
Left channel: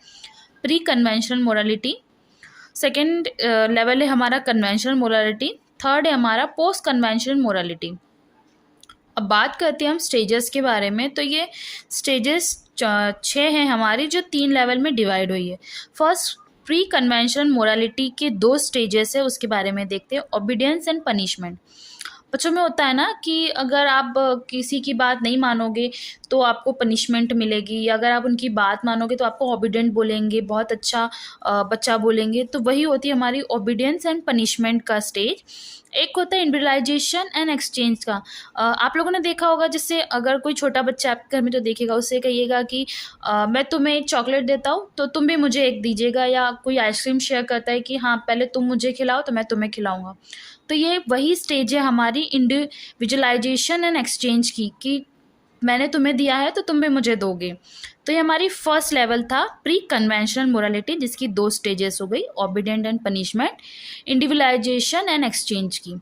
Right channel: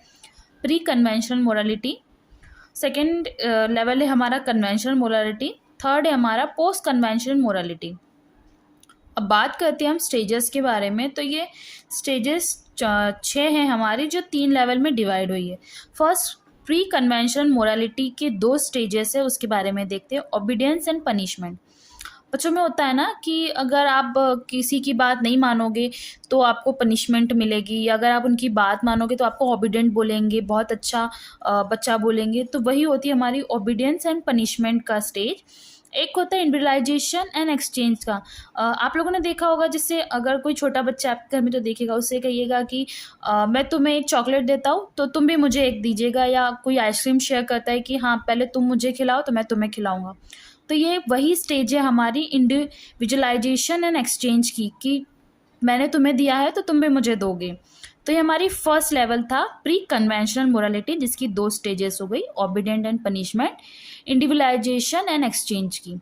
pre conventional morality, second level है हमारा कन्वेंशनल मोरालिटी, थर्ड है हमारा पोस्ट कन्वेंशनल मोरालिटी। अब बात करते हैं हम स्टेजेस के बारे में। तो ये स्टेजेस 6 हैं हमारी, जो 3 लेवल में डिवाइड हुई है। फर्स्ट, प्री कन्वेंशनल मोरालिटी के 2 स्टेजेस है, उसके बारे में देखते हैं। Obedience and punishment. बच्चों में होता है ना कि अगर आप किसी की बात नहीं मानोगे तो आपको पनिशमेंट मिलेगी, अगर आप उनकी बात मानोगे तो आपको ओबीडियंट बोलेंगे, बहुत अच्छा बच्चा बोलेंगे। तो वही होती है हमारी ओबीडियंस एंड पनिशमेंट का स्टेज। एक होता है इंडिविजुअलाइजेशन एंड एक्सचेंज का। आप लोगों ने देखा होगा, जिससे अगर कोई छोटा बच्चा आपके घर में तो देखेगा, उससे कहिएगा कि मैं तुम्हें एक चॉकलेट देता हूँ तो तुम भी मुझे एक दीजिएगा, या कोई आइसक्रीम शेयर करता है कि हाँ पहले तुम मुझे खिलाओ तो मैं तुम्हें खिलाऊंगा। तो ये वही स्टेज है हमारी इंडिविजुअलाइजेशन एंड एक्सचेंज की, कि मैंने तुम्हें दिया है तो तुम भी मुझे दोगे। तो ये हमारी फर्स्ट लेवल था प्री कन्वेंशनल मोरालिटी, जिसकी 2 स्टेजेस हो गई, obedient and punishment, individualisation and exchange की।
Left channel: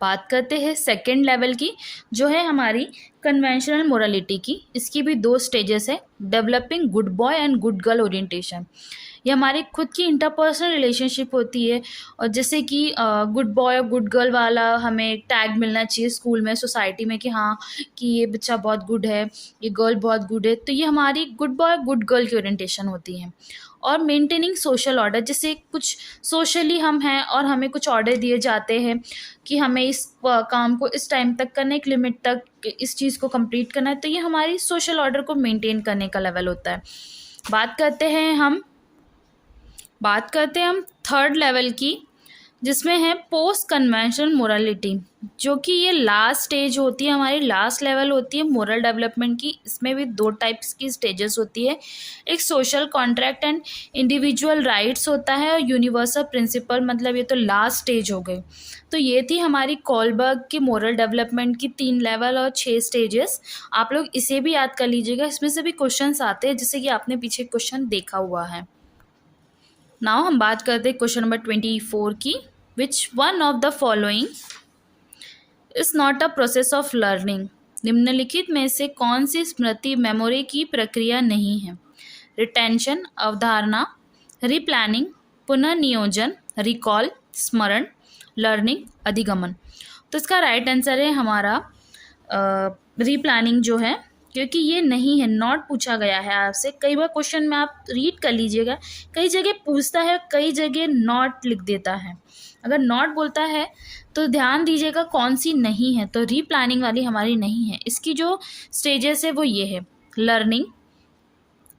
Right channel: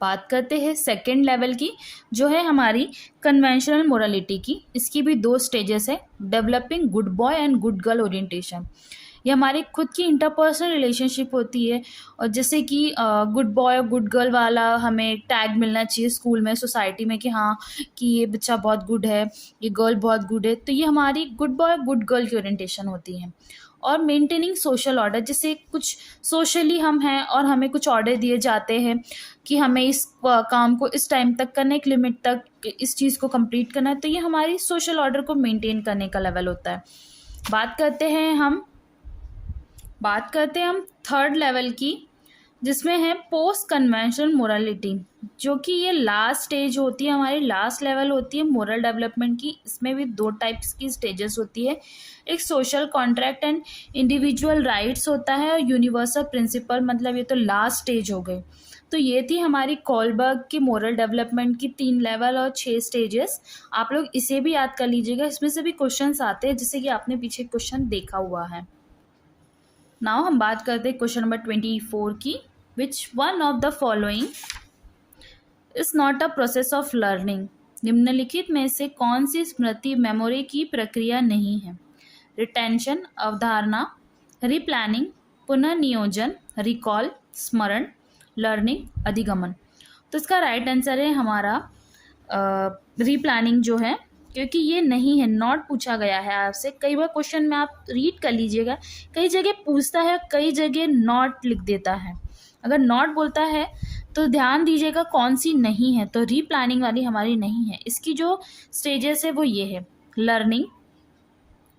बात करते हैं सेकेंड लेवल की, जो है हमारी कन्वेंशनल मोरालिटी की। इसकी भी 2 स्टेजेस है, developing good boy and good girl orientation. ये हमारी खुद की इंटरपर्सनल रिलेशनशिप होती है, और जैसे कि गुड बॉय और गुड गर्ल वाला हमें टैग मिलना चाहिए स्कूल में, सोसाइटी में, कि हाँ कि ये बच्चा बहुत गुड है, ये गर्ल बहुत गुड है। तो ये हमारी गुड बॉय गुड गर्ल की ओरिएंटेशन होती है। और मेंटेनिंग सोशल ऑर्डर, जैसे कुछ सोशली हम हैं और हमें कुछ ऑर्डर दिए जाते हैं कि हमें इस काम को इस टाइम तक करना है, एक लिमिट तक इस चीज़ को कंप्लीट करना है। तो ये हमारी सोशल ऑर्डर को मेंटेन करने का लेवल होता है। बात करते हैं हम थर्ड लेवल की, जिसमें है पोस्ट कन्वेंशनल मोरालिटी, जो कि ये लास्ट स्टेज होती है हमारी, लास्ट लेवल होती है मोरल डेवलपमेंट की। इसमें भी 2 टाइप्स की स्टेजेस होती है, एक social contract and individual rights होता है, और यूनिवर्सल प्रिंसिपल, मतलब ये तो लास्ट स्टेज हो गई। तो ये थी हमारी कोलबर्ग की मोरल डेवलपमेंट की 3 लेवल और 6 स्टेजेस। आप लोग इसे भी याद कर लीजिएगा, इसमें से भी क्वेश्चंस आते हैं, जैसे कि आपने पीछे क्वेश्चन देखा हुआ है। नाउ हम बात करते हैं क्वेश्चन नंबर 24 की। Which one of the following is not a process of learning? निम्नलिखित में से कौन सी स्मृति मेमोरी की प्रक्रिया नहीं है? रिटेंशन, अवधारणा, रिप्लानिंग, पुनर्नियोजन, रिकॉल, स्मरण, लर्निंग, अधिगमन। तो इसका राइट आंसर है हमारा रिप्लानिंग जो है, क्योंकि ये नहीं है, नॉट पूछा गया है आपसे। कई बार क्वेश्चन में आप रीड कर लीजिएगा, कई जगह पूछता है, कई जगह नॉट लिख देता है। अगर नॉट बोलता है तो ध्यान दीजिएगा कौन सी नहीं है, तो रीप्लानिंग वाली हमारी नहीं है। इसकी जो स्टेजेस है वो ये है, learning,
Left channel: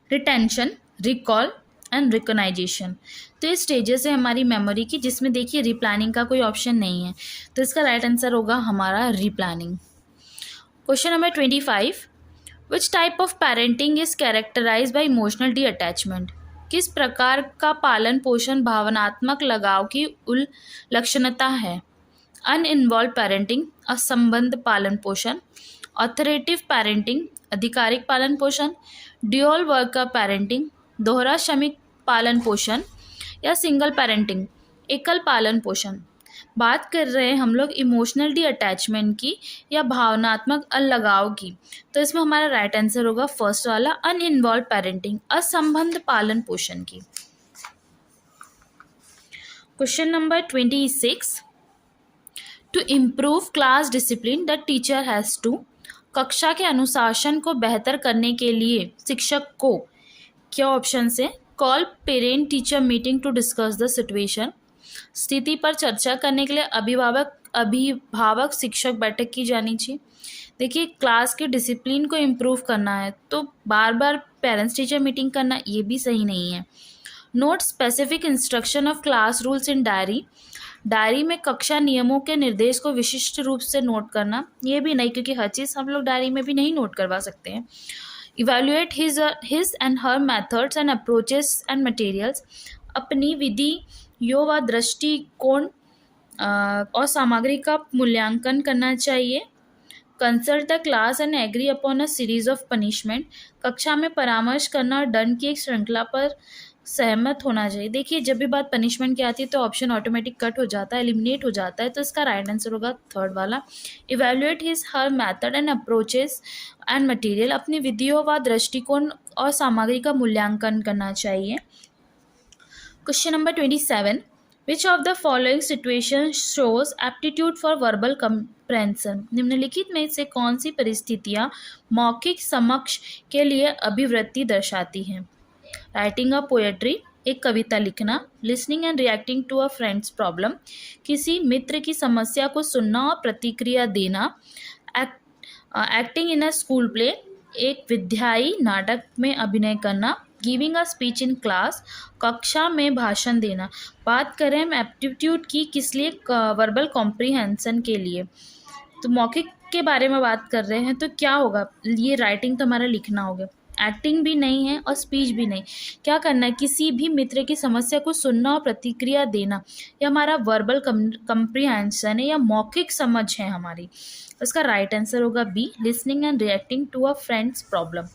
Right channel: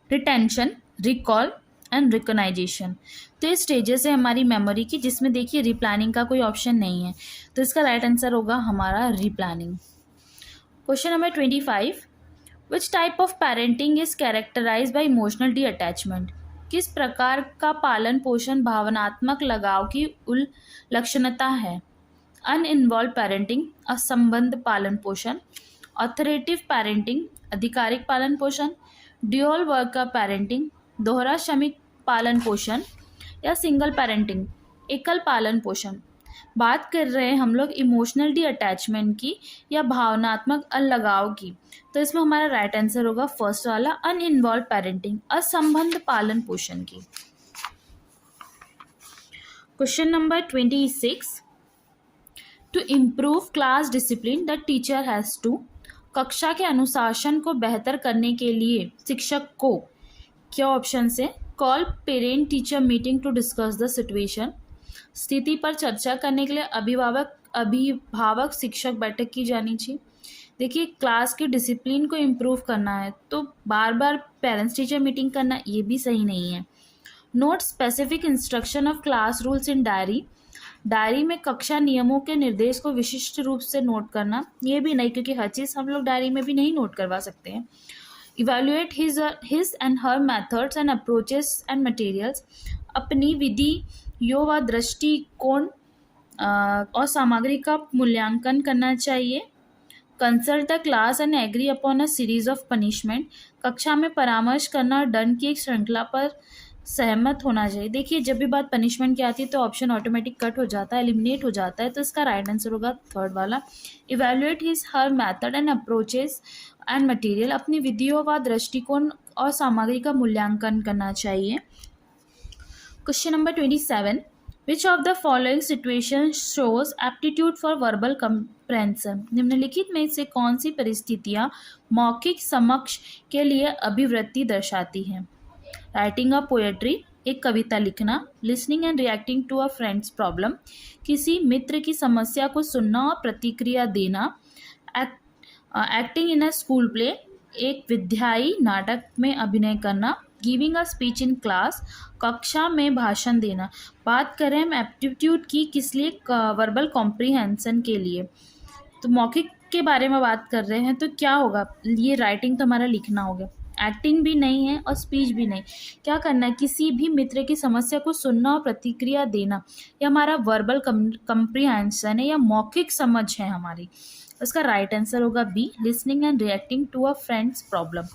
retention, recall and recognisation. तो ये स्टेजेस है हमारी मेमोरी की, जिसमें देखिए रिप्लानिंग का कोई ऑप्शन नहीं है, तो इसका राइट आंसर होगा हमारा replanning. Question number 25, which type of parenting is characterize by emotional detachment? किस प्रकार का पालन पोषण भावनात्मक लगाव की उल्लक्षणता है? अनइन्वॉल्व पेरेंटिंग, असंबद्ध पालन पोषण, ऑथोरेटिव पेरेंटिंग, आधिकारिक पालन पोषण, ड्यूअल वर्कर पेरेंटिंग, दोहरा श्रमिक पालन पोषण, या सिंगल पेरेंटिंग, एकल पालन पोषण। बात कर रहे हैं हम लोग इमोशनल डी अटैचमेंट की या भावनात्मक अलगाव की, तो इसमें हमारा राइट आंसर होगा फर्स्ट वाला, अनइन्वॉल्व पेरेंटिंग, असंबद्ध पालन पोषण की। Question number 26, to improve class discipline the teacher has to. कक्षा के अनुशासन को बेहतर करने के लिए शिक्षक को, क्या ऑप्शन है? Call parent teacher meeting to discuss the situation, स्थिति पर चर्चा करने के लिए अभिभावक शिक्षक बैठक की जानी चाहिए। देखिए, क्लास के डिसिप्लिन को इम्प्रूव करना है तो बार बार पेरेंट्स टीचर मीटिंग करना ये भी सही नहीं है। Note specific instruction of class rules in diary, diary में कक्षा नियमों के निर्देश को विशिष्ट रूप से नोट करना, ये भी नहीं, क्योंकि हर चीज़ हम लोग डायरी में भी नहीं नोट करवा सकते हैं। Evaluate his and her methods and approaches and materials, अपनी विधियों व दृष्टिकोण और सामग्री का मूल्यांकन करना चाहिए। Consult the class and agree upon a series of punishment, कक्षा में परामर्श करना और दंड की एक श्रृंखला पर सहमत होना चाहिए। देखिए जब भी बात पनिशमेंट की आती है तो ऑप्शन ऑटोमेटिक कट हो जाता है, एलिमिनेट हो जाता है, तो इसका राइट आंसर होगा थर्ड वाला। Evaluate his her method and approaches and material, अपनी विधियों व दृष्टिकोण और सामग्री का मूल्यांकन करना चाहिए। Question number 27, which of the following situation shows aptitude for verbal compression, निम्नलिखित में से कौन सी परिस्थितियाँ मौखिक समक्ष के लिए अभिवृत्ति दर्शाती हैं? राइटिंग अ पोएट्री, एक कविता लिखना, listening and reacting to a friend's problem, किसी मित्र की समस्या को सुनना और प्रतिक्रिया देना, acting in a school play, एक विद्याई नाटक में अभिनय करना, giving a speech in class, कक्षा में भाषण देना। बात करें हम एप्टीट्यूड की किस लिए, वर्बल कॉम्प्रीहेंशन के लिए। तो मौखिक के बारे में बात कर रहे हैं तो क्या होगा, ये राइटिंग तो हमारा लिखना होगा, एक्टिंग भी नहीं है और स्पीच भी नहीं। क्या करना है, किसी भी मित्र की समस्या को सुनना और प्रतिक्रिया देना, ये हमारा वर्बल कंप्रीहेंशन है या मौखिक समझ है हमारी। इसका राइट आंसर होगा B, listening and reacting to a friend's problem.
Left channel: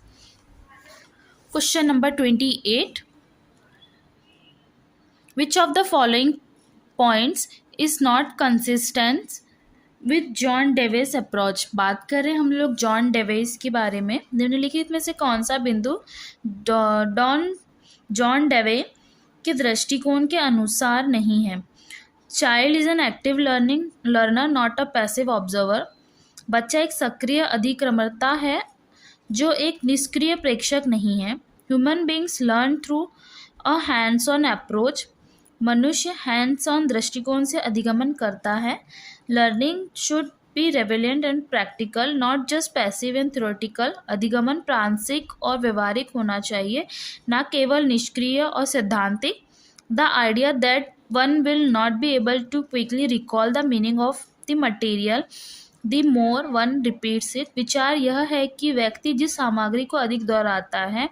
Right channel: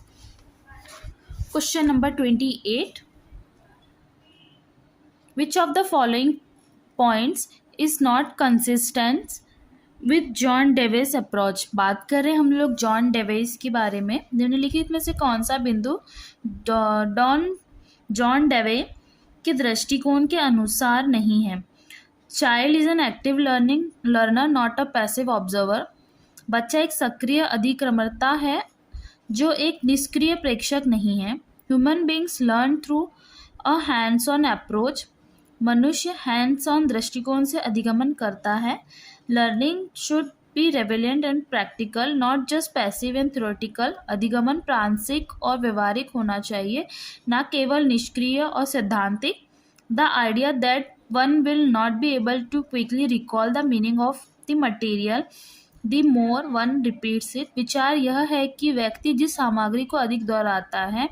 Question number 28, which of the following points is not consistent with John Dewey's approach. बात कर रहे हैं हम लोग जॉन डेवेस के बारे में, निम्नलिखित में से कौन सा बिंदु जॉन डेवे के दृष्टिकोण के अनुसार नहीं है? Child is an active learner not a passive observer, बच्चा एक सक्रिय अधिक्रमता है जो एक निष्क्रिय प्रेक्षक नहीं है। Human beings learn through a hands on approach, मनुष्य हैंड्स ऑन दृष्टिकोण से अधिगमन करता है। Learning should be relevant and practical not just passive and theoretical, अधिगमन प्रांशिक और व्यवहारिक होना चाहिए, न केवल निष्क्रिय और सैद्धांतिक। The idea that one will not be able to quickly recall the meaning of the material the more one repeats it, विचार यह है कि व्यक्ति जिस सामग्री को अधिक दोहराता है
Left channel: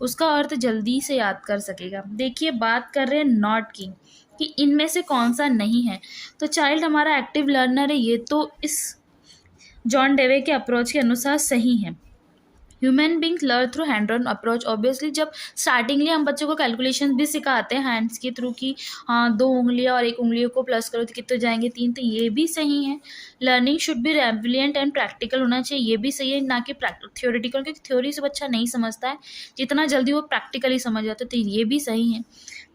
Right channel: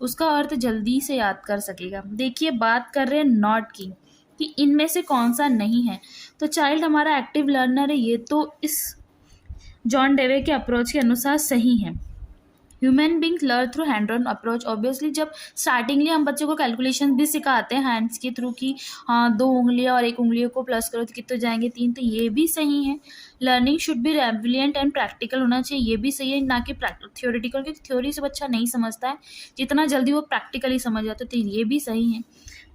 उसका अर्थ जल्दी से याद कर सकेगा। देखिए बात कर रहे हैं नॉट की कि इनमें से कौन सा नहीं है। तो चाइल्ड हमारा एक्टिव लर्नर है, ये तो इस जॉन डेवे के अप्रोच के अनुसार सही है। Human beings learn through hand on approach, obviously जब स्टार्टिंगली हम बच्चों को कैलकुलेशन भी सिखाते हैं हैंड्स के थ्रू कि हाँ 2 उंगलियां और 1 उंगलियों को प्लस करो तो कितने जाएंगे 3, तो ये भी सही है। Learning should be relevant and practical होना चाहिए, ये भी सही है, ना कि थ्योरेटिकल, क्योंकि थ्योरी से बच्चा नहीं समझता है जितना जल्दी वो प्रैक्टिकली समझ जाता है, तो ये भी सही है।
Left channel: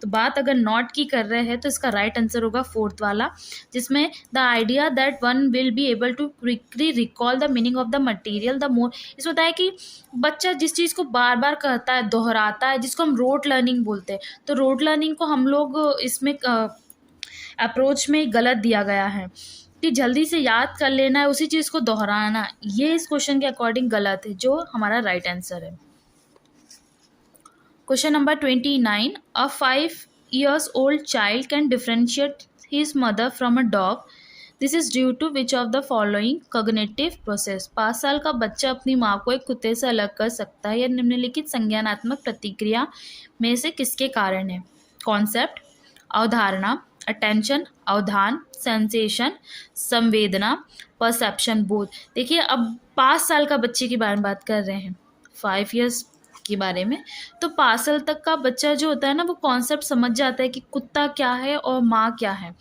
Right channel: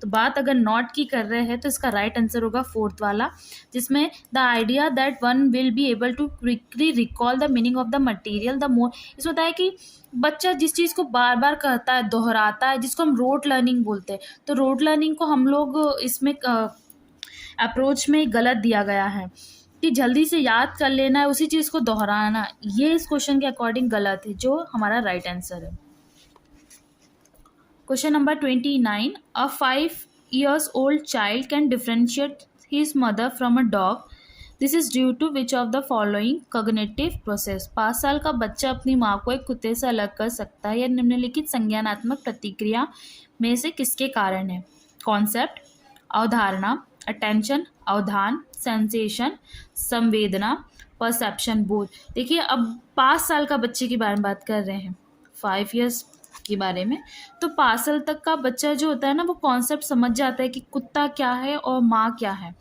तो बात अगर नॉट की कर रहे हैं तो इसका राइट आंसर होगा फोर्थ वाला, जिसमें the idea that one will be able to quickly recall the meaning of the material the more, इसमें होता है कि बच्चा जिस चीज़ को बार बार कहता है, दोहराता है, जिसको हम रोट लर्निंग बोलते हैं, तो रोट लर्निंग को हम लोग इसमें अप्रोच में गलत दिया गया है कि जल्दी से याद कर लेना है, उसी चीज़ को दोहराना, ये इस क्वेश्चन के अकॉर्डिंग गलत है, जो हमारा राइट आंसर है। Question number 29, a 5 years old child can differentiate his mother from a dog. This is due to which of the following cognitive process. 5 साल का बच्चा अपनी माँ को एक कुत्ते से अलग कर सकता है या निम्नलिखित संज्ञानात्मक प्रतिक्रिया में से किसके कारण है? कॉन्सेप्ट, अवधारणा, अटेंशन, अवधान, सेंसेशन, संवेदना, परसेप्शन, बोध। देखिए अब 5 साल का बच्चे के बारे में बात कर रहे हैं, 5 years के बारे में, तो 5 साल तक का बच्चा जो होता है ना, वो कॉन्सेप्ट समझ जाता है कि कुत्ता क्या है और माँ क्या है,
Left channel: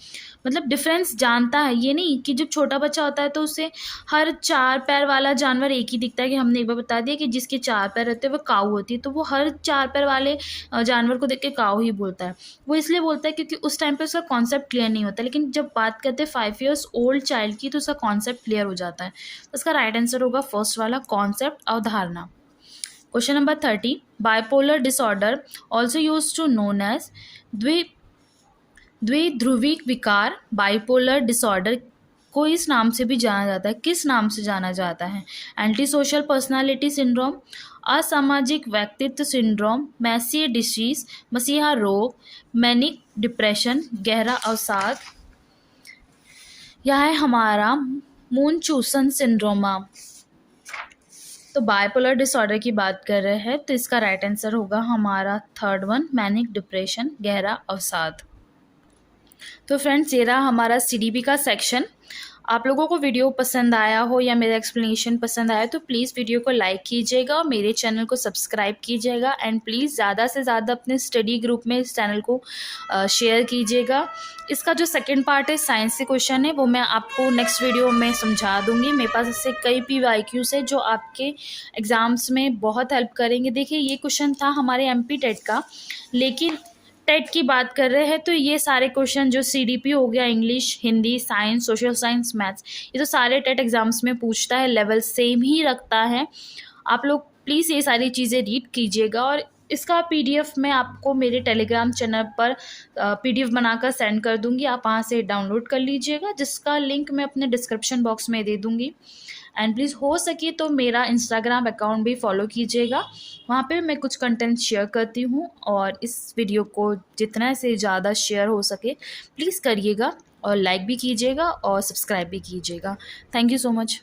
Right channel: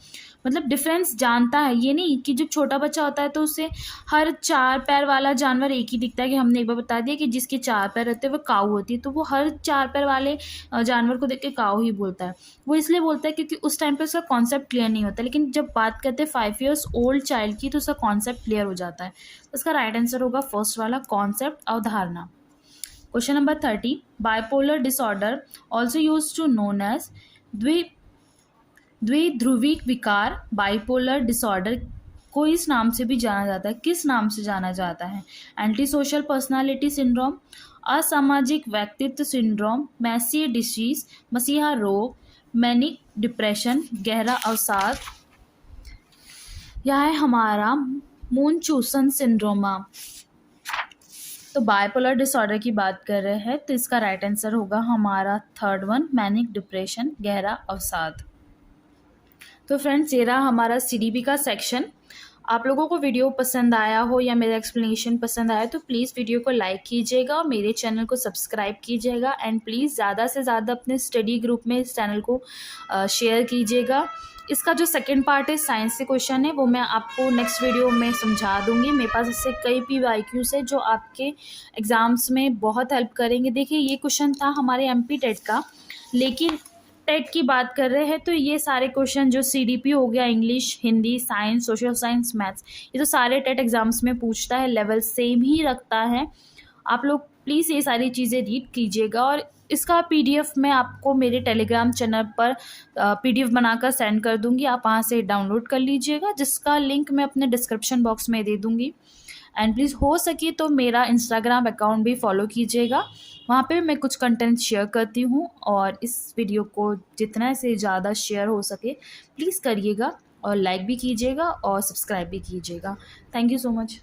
मतलब डिफरेंस जानता है। ये नहीं कि जब छोटा बच्चा होता है तो उसे हर 4 पैर वाला जानवर एक ही दिखता है, कि हमने एक बार बता दिया कि जिसके 4 पैर रहते हैं वो काऊ होती है, तो वो हर 4 पैर वाले जानवर को देख के काऊ ही बोलता है। वो इसलिए बोलता है क्योंकि उस टाइम पे उसका कॉन्सेप्ट क्लियर नहीं होता, लेकिन जब बात करते हैं 5 years ओल्ड चाइल्ड की तो उसका कॉन्सेप्ट क्लियर हो जाता है। तो उसका राइट आंसर होगा फर्स्ट वाला, कॉन्सेप्ट, अवधारणा। Question number 30, bipolar disorder also use to known as द्विध्रुविक विकार, बाइपोलर डिसऑर्डर को इस नाम से भी जाना जाता है, किस नाम से जाना जाता है? एंटी सोशल पर्सनालिटी सिंड्रोम, असामाजिक व्यक्तित्व सिंड्रोम, मैसिए डिसीज, मसीहा रोग, मैनिक डिप्रेशन, गहरा अवसाद, यह है हमारा मूनचूसन सिंड्रोमा। तो बाइपोलर डिसऑर्डर की बात कर रहे हैं तो इसका राइट आंसर होगा हमारा थर्ड वन, मैनिक डिप्रेशन, गहरा अवसाद। तो फ्रेंड्स ये रहा हमारा CDP का सेक्शन। आप लोगों को वीडियो पसंद आया हो या मेरा एक्सप्लेनेशन पसंद आया तो प्लीज़ वीडियो को लाइक कीजिएगा और मेरे चैनल को सब्सक्राइब कीजिएगा एंड प्लीज़ ज़्यादा से ज़्यादा अपने स्टडी ग्रुप में इस चैनल को शेयर कीजिएगा। इसका जो सेकंड पार्ट है साइंस के क्वेश्चन है वो मैं आपको नेक्स्ट वीडियो में समझा दूंगी। मेरे पास ऐसे कई PYQs है जो आपके एग्ज़ाम्स में बहुत हेल्प करेंगे। देखिए ये क्वेश्चन था हमारे MP टेट का, लेकिन टेट की बात कर रहे हैं तो ये सारे क्वेश्चन जो CDP हो गया, English, Hindi, science, social science, maths, ये तो सारे टेट एग्जाम्स में पूछता है, लेवल सेम ही रखता है। आप लोग प्लीज़ ये सारी चीज़ें रीड कीजिएगा और इसका PDF मैं आपको मेरे टेलीग्राम चैनल पर PDF बनाकर सेंड कर दूंगी, आप वहाँ से डाउनलोड कर लीजिएगा, जिसका लिंक मैं अपने डिस्क्रिप्शन बॉक्स में दे दूंगी। एंड प्लीज़ हो सके तो मेरा इंस्टाग्राम अकाउंट भी फॉलो कीजिएगा, वहाँ पे मैं कुछ कंटेंट शेयर करती हूँ और इस वीडियो को जितना से ज़्यादा शेयर हो सके प्लीज़ करिएगा और लाइक भी कीजिएगा और सब्सक्राइब भी कीजिएगा। Thank you so much.